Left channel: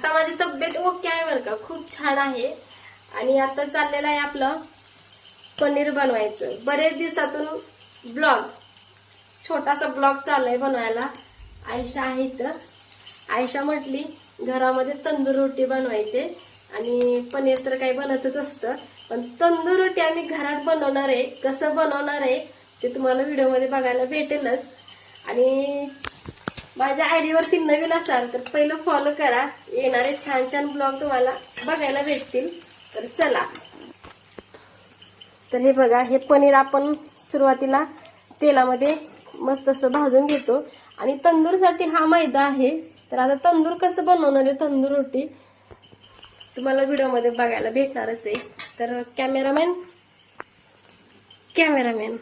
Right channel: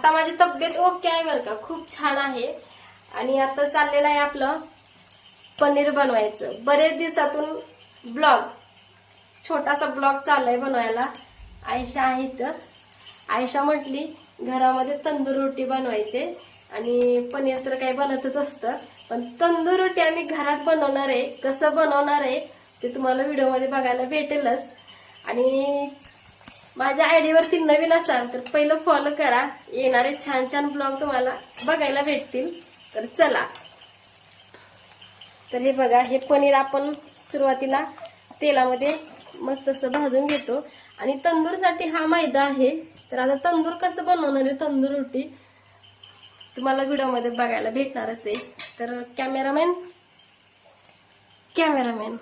आता माझी तब्येत ओके आहे बरं का. खूप छान आहे. आणि आता चाललेलं आहे आपलं पनीर बनवायचं. बरेच दिवसातून ब्लॉग छोटासा ब्लॉग चाललाय बनवायला. आयशा आहे तर आयशा म्हटली घरामध्ये तंदूर रोटी बनवायचे. आणि पनीर तर काही बनतच असतं. पण तंदूर रोटी आम्ही घरात बनवणार आहे. कसं बनवणार आहे ते तुम्हाला व्हिडिओमध्ये बघायला भेटेलच. आणि माझ्या आयडीवरती नवीन असाल तर पहिलं फॉलो करा. येणारे छान छान ब्लॉग तुम्हाला बघायला भेटतील. तर चला. तर हे बघा हे पनीर आपण सुरुवातीला तेलामध्ये मस्त असं भाजून घेतो. आणि तंदूरसाठी हा मैदा आहे. तर आता तंदूर कसं बनवणार आहे? तंदूर रोटी तुम्हाला व्हिडिओमध्ये बघायला भेटणारच आहे. तर कॅमेरामॅन कॅमेरामॅन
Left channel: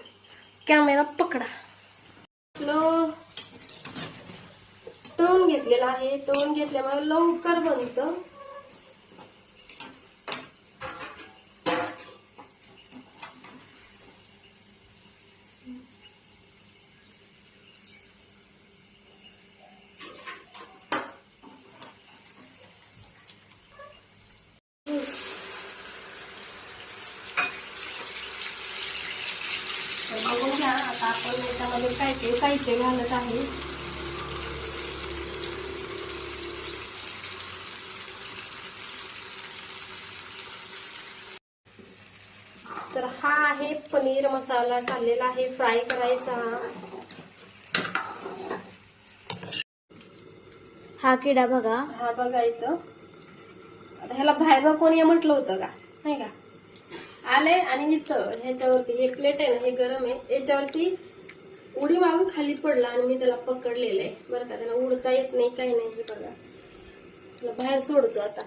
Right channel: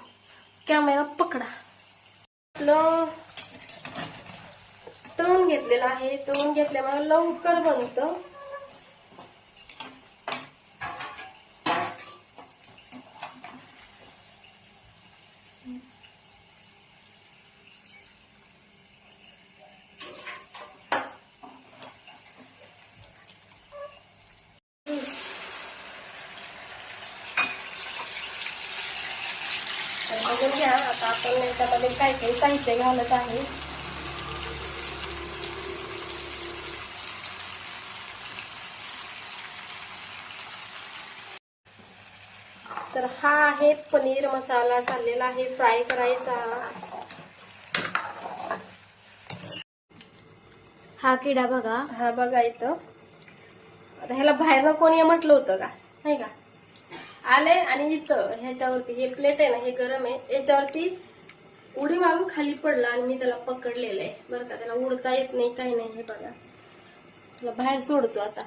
कॅमेरा पकडा. आपलं तळून घेतलेलं आहे. तळून घेतल्यामुळे लवकर बनतं. घ्या आता आपण त्यामध्ये काय काय साहित्य घालत आहे. तर हा आहे पनीर मसाला चाललेला आहे. फ्राय करायचा हा. हा किडा बघा. हा बघा इथं. आता ह्याला बाहेर कोणी म्हटलं होतं का? नाही का? आले आणि इथं ह्याच्यावरती हे प्लेट आहे ना हे गरम आहे. याच्यावरती उडी मारून खाली पडला आणि मी त्याला पकडलेलं आहे. बरं का त्याला उडता येत नाही काही नाही. हे बघा. बाहेर सोडतो आता.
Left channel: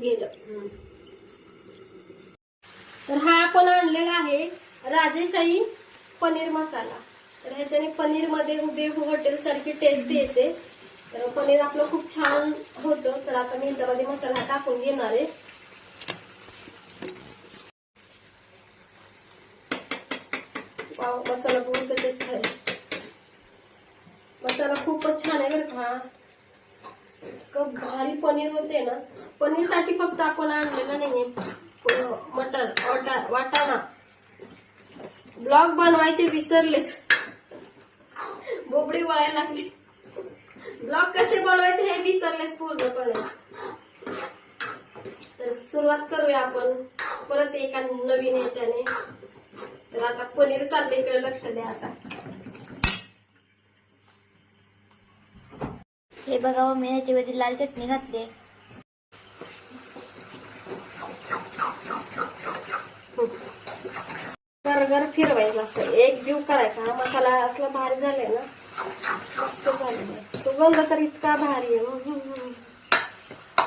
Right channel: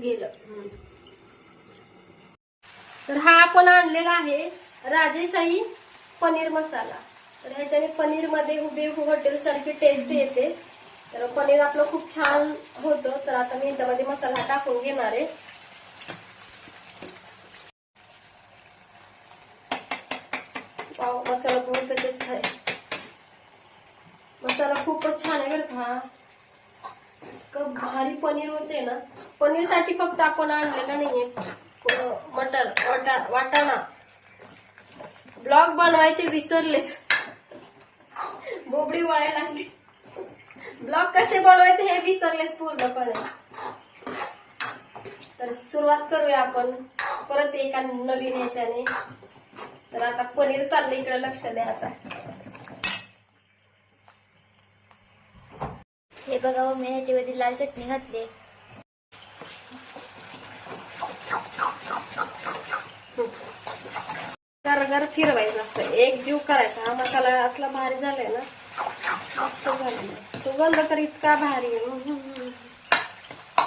गेलं. तर हा आपण आणलेला आहे राजेशाही पनीर मसाला. तर ह्याच्याने पनीरमध्ये उभे हॉटेल सारखी टेस्ट येते. तर पनीर आपलं खूप छान होतं. तर आता मी ह्याच्यामध्ये मसाला टाकून घेणार आहे. मसाला बहुत अच्छा आहे. मसाला खूपच छान आहे बरं का. हा. इतकं भारी पनीर होते ना. पनीरसाठी फक्त आपण आणलेलं नाहीये मटर. वाटा वाटाणा. ब्लॉग बनवायचे विसरलेच. बोबडी वाया लागली. ब्लॉग कसे बनवायचे हे विसरलेच पूर्णपणे. तर सुरुवात करूया आपण. परत एका नवीन याच्याने तर आता पनीर चाललं इकडे लक्ष द्या आता. हे बघा मी ह्याच्यामध्ये लाल चटणी घातली गरगर फिरवायचं असं एक जीव करायचा. हा मसाला असला भारी झालाय ना. मस्त झालेला सुगंध तर इतका भारी आहे.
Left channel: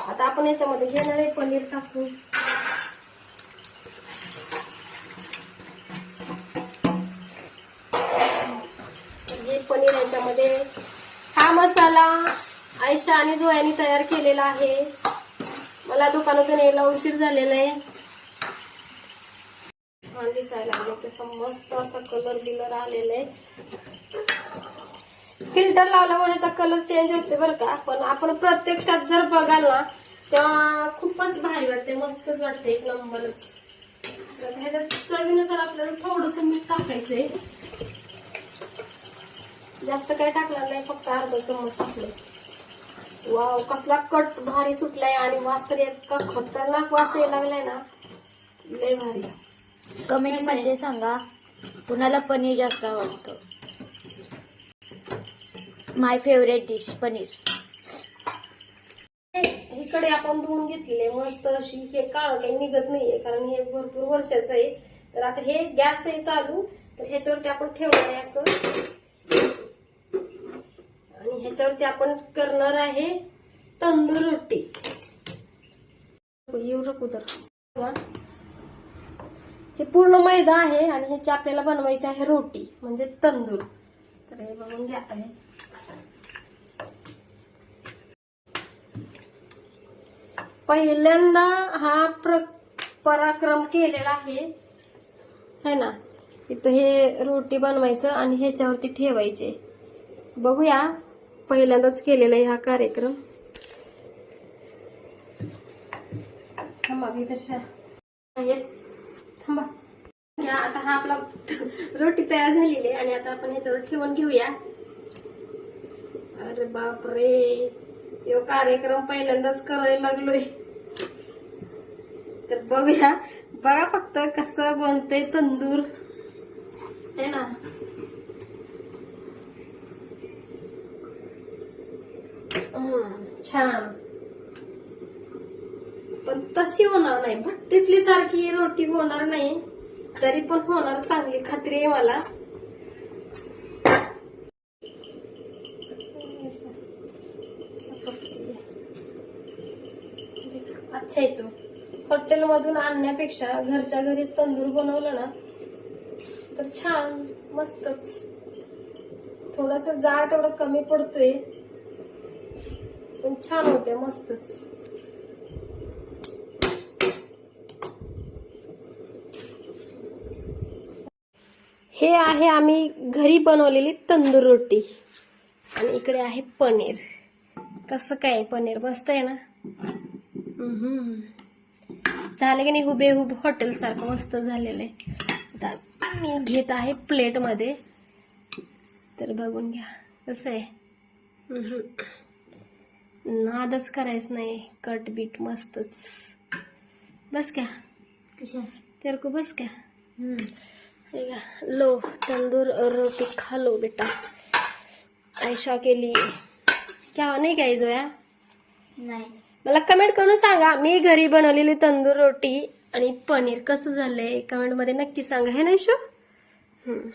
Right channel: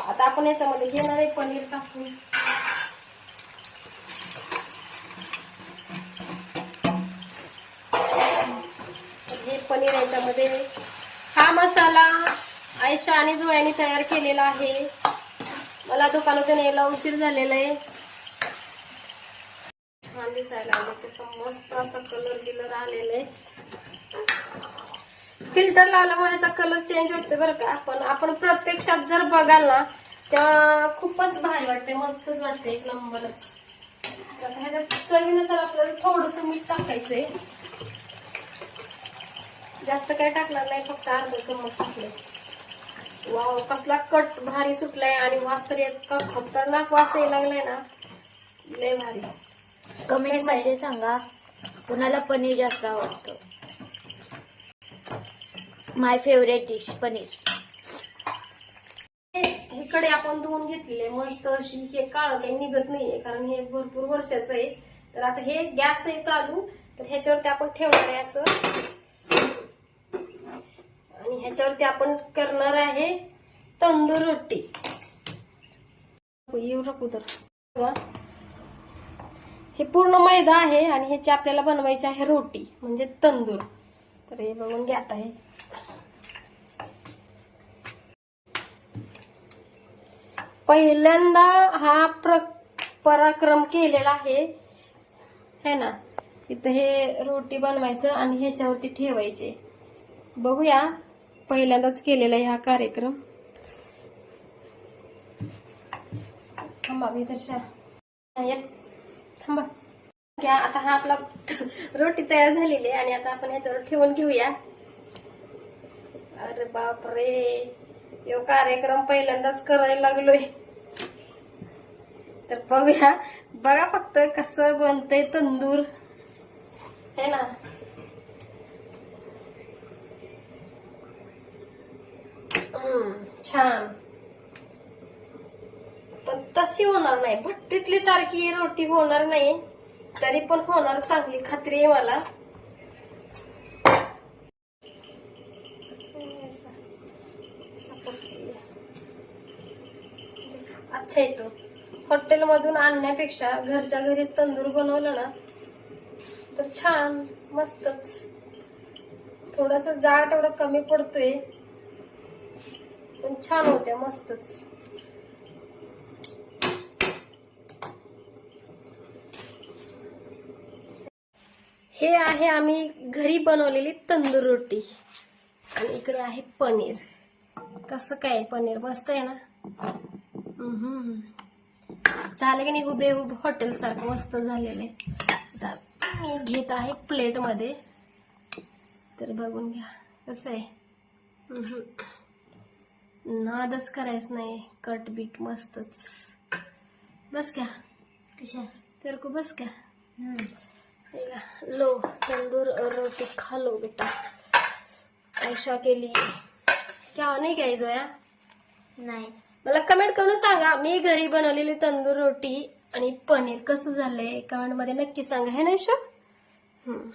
आता आपण याच्यामध्ये घेणार आहे पनीर टाकून हे पनीर याच्यामध्ये हा मसाला आयशा आणि जुळ्याने तयार केलेला आहे. मला दुकानातून यायला उशीर झालेला आहे. छान दिसायला लागले त्याचा मस्त असा कलर बिलर आलेला आहे. फिल्टर लावल्यामुळे याचा कलर चेंज होते बरं का. आपण आपण प्रत्यक्षात जर बघाल ना तेव्हा खूपच भारी वाटते मस्तच वाटते एक नंबरच. ह्याच्यात चवीनुसार आपल्याला थोडस मीठ टाकायचंय. जास्त काय टाकणार नाही फक्त अर्धा चमच टाकले वा कसला कट भारी सुटलाय आणि वास तर इतका खतरनाक वास यायला लागलाय ना. लय भारी. कमेंटमध्ये सांगा कुणाला पनीर जास्त आवडतं. My favourite dish paneer. इकडे आपण धुवून घेतलेले. मस्त अशी हे काळ काही निघत नाहीये कारण हे भरपूर वर्षाचं आहे. तर आता हे गॅस आहे चालू. तर ह्याच्यावरती आपण ठेवणार आहे असं. आणि ह्याच्यावरती आपण करणार आहे तंदूर रोटी. येऊ तर. हे पूर्ण मैदा आहे आणि ह्याची आपल्याला बनवायची आहे रोटी म्हणजे तंदूर. तर हे बनवून घ्यात आहे पहिल्यांदा हा प्र पराक्रम केलेला आहे. है ना? इथं हे रोटी बनवायचं आणि ह्याच्यावरती ठेवायचे. बघूया पहिल्यांदाच केलेला हा कार्यक्रम. हा थांबा. घ्या आता हा आपला रोटी तयार झालेली आहे आणि आता आपण ह्याच्यावर ठेवून घेऊया. अरे बापरे. यो कार्यक्रम पहिल्यांदाच करायला लागलोय. तर बघूया बघा फक्त कसं बनतंय तंदूर. है ना. हम्म, छान. तशी होणार नाही. भट्टीतली सारखी रोटी होणार नाही. तरी पण होणार चांगली खात्री आहे मला. अच्छा येतो हॉटेलमधून आणण्यापेक्षा घरच्या घरी तंदूर बनवलं ना तर छान मस्तच. थोडस जाड तेवढं कमी पडतोय. पण छान होत्या मस्तच. हे आहे आम्ही घरी बनवलेली तंदूर रोटी. आणि इकडे आहे पनीर. कसं काय पनीर? मस्त आहे ना. झालं की नाही हुबेहूब हॉटेल सारखं मस्त झालेलं आहे. आता मी घेत आहे प्लेटमध्ये तर बघून घ्या कसं आहे. नादच करायचं नाही. कट बीट मस्तच. बस क्या कशा? तेरे को बस क्या देखा, लो तंदूर और रोटी खा लो बेटा. आयशा के लिए क्या नाही क्या जोया? नाही. मला कमेंट करून सांगा मी घरी बनवलेली तंदूर रोटी आणि पनीर कसं झालंय? कमेंटमध्ये नक्की सांगा हे ना? हम्म.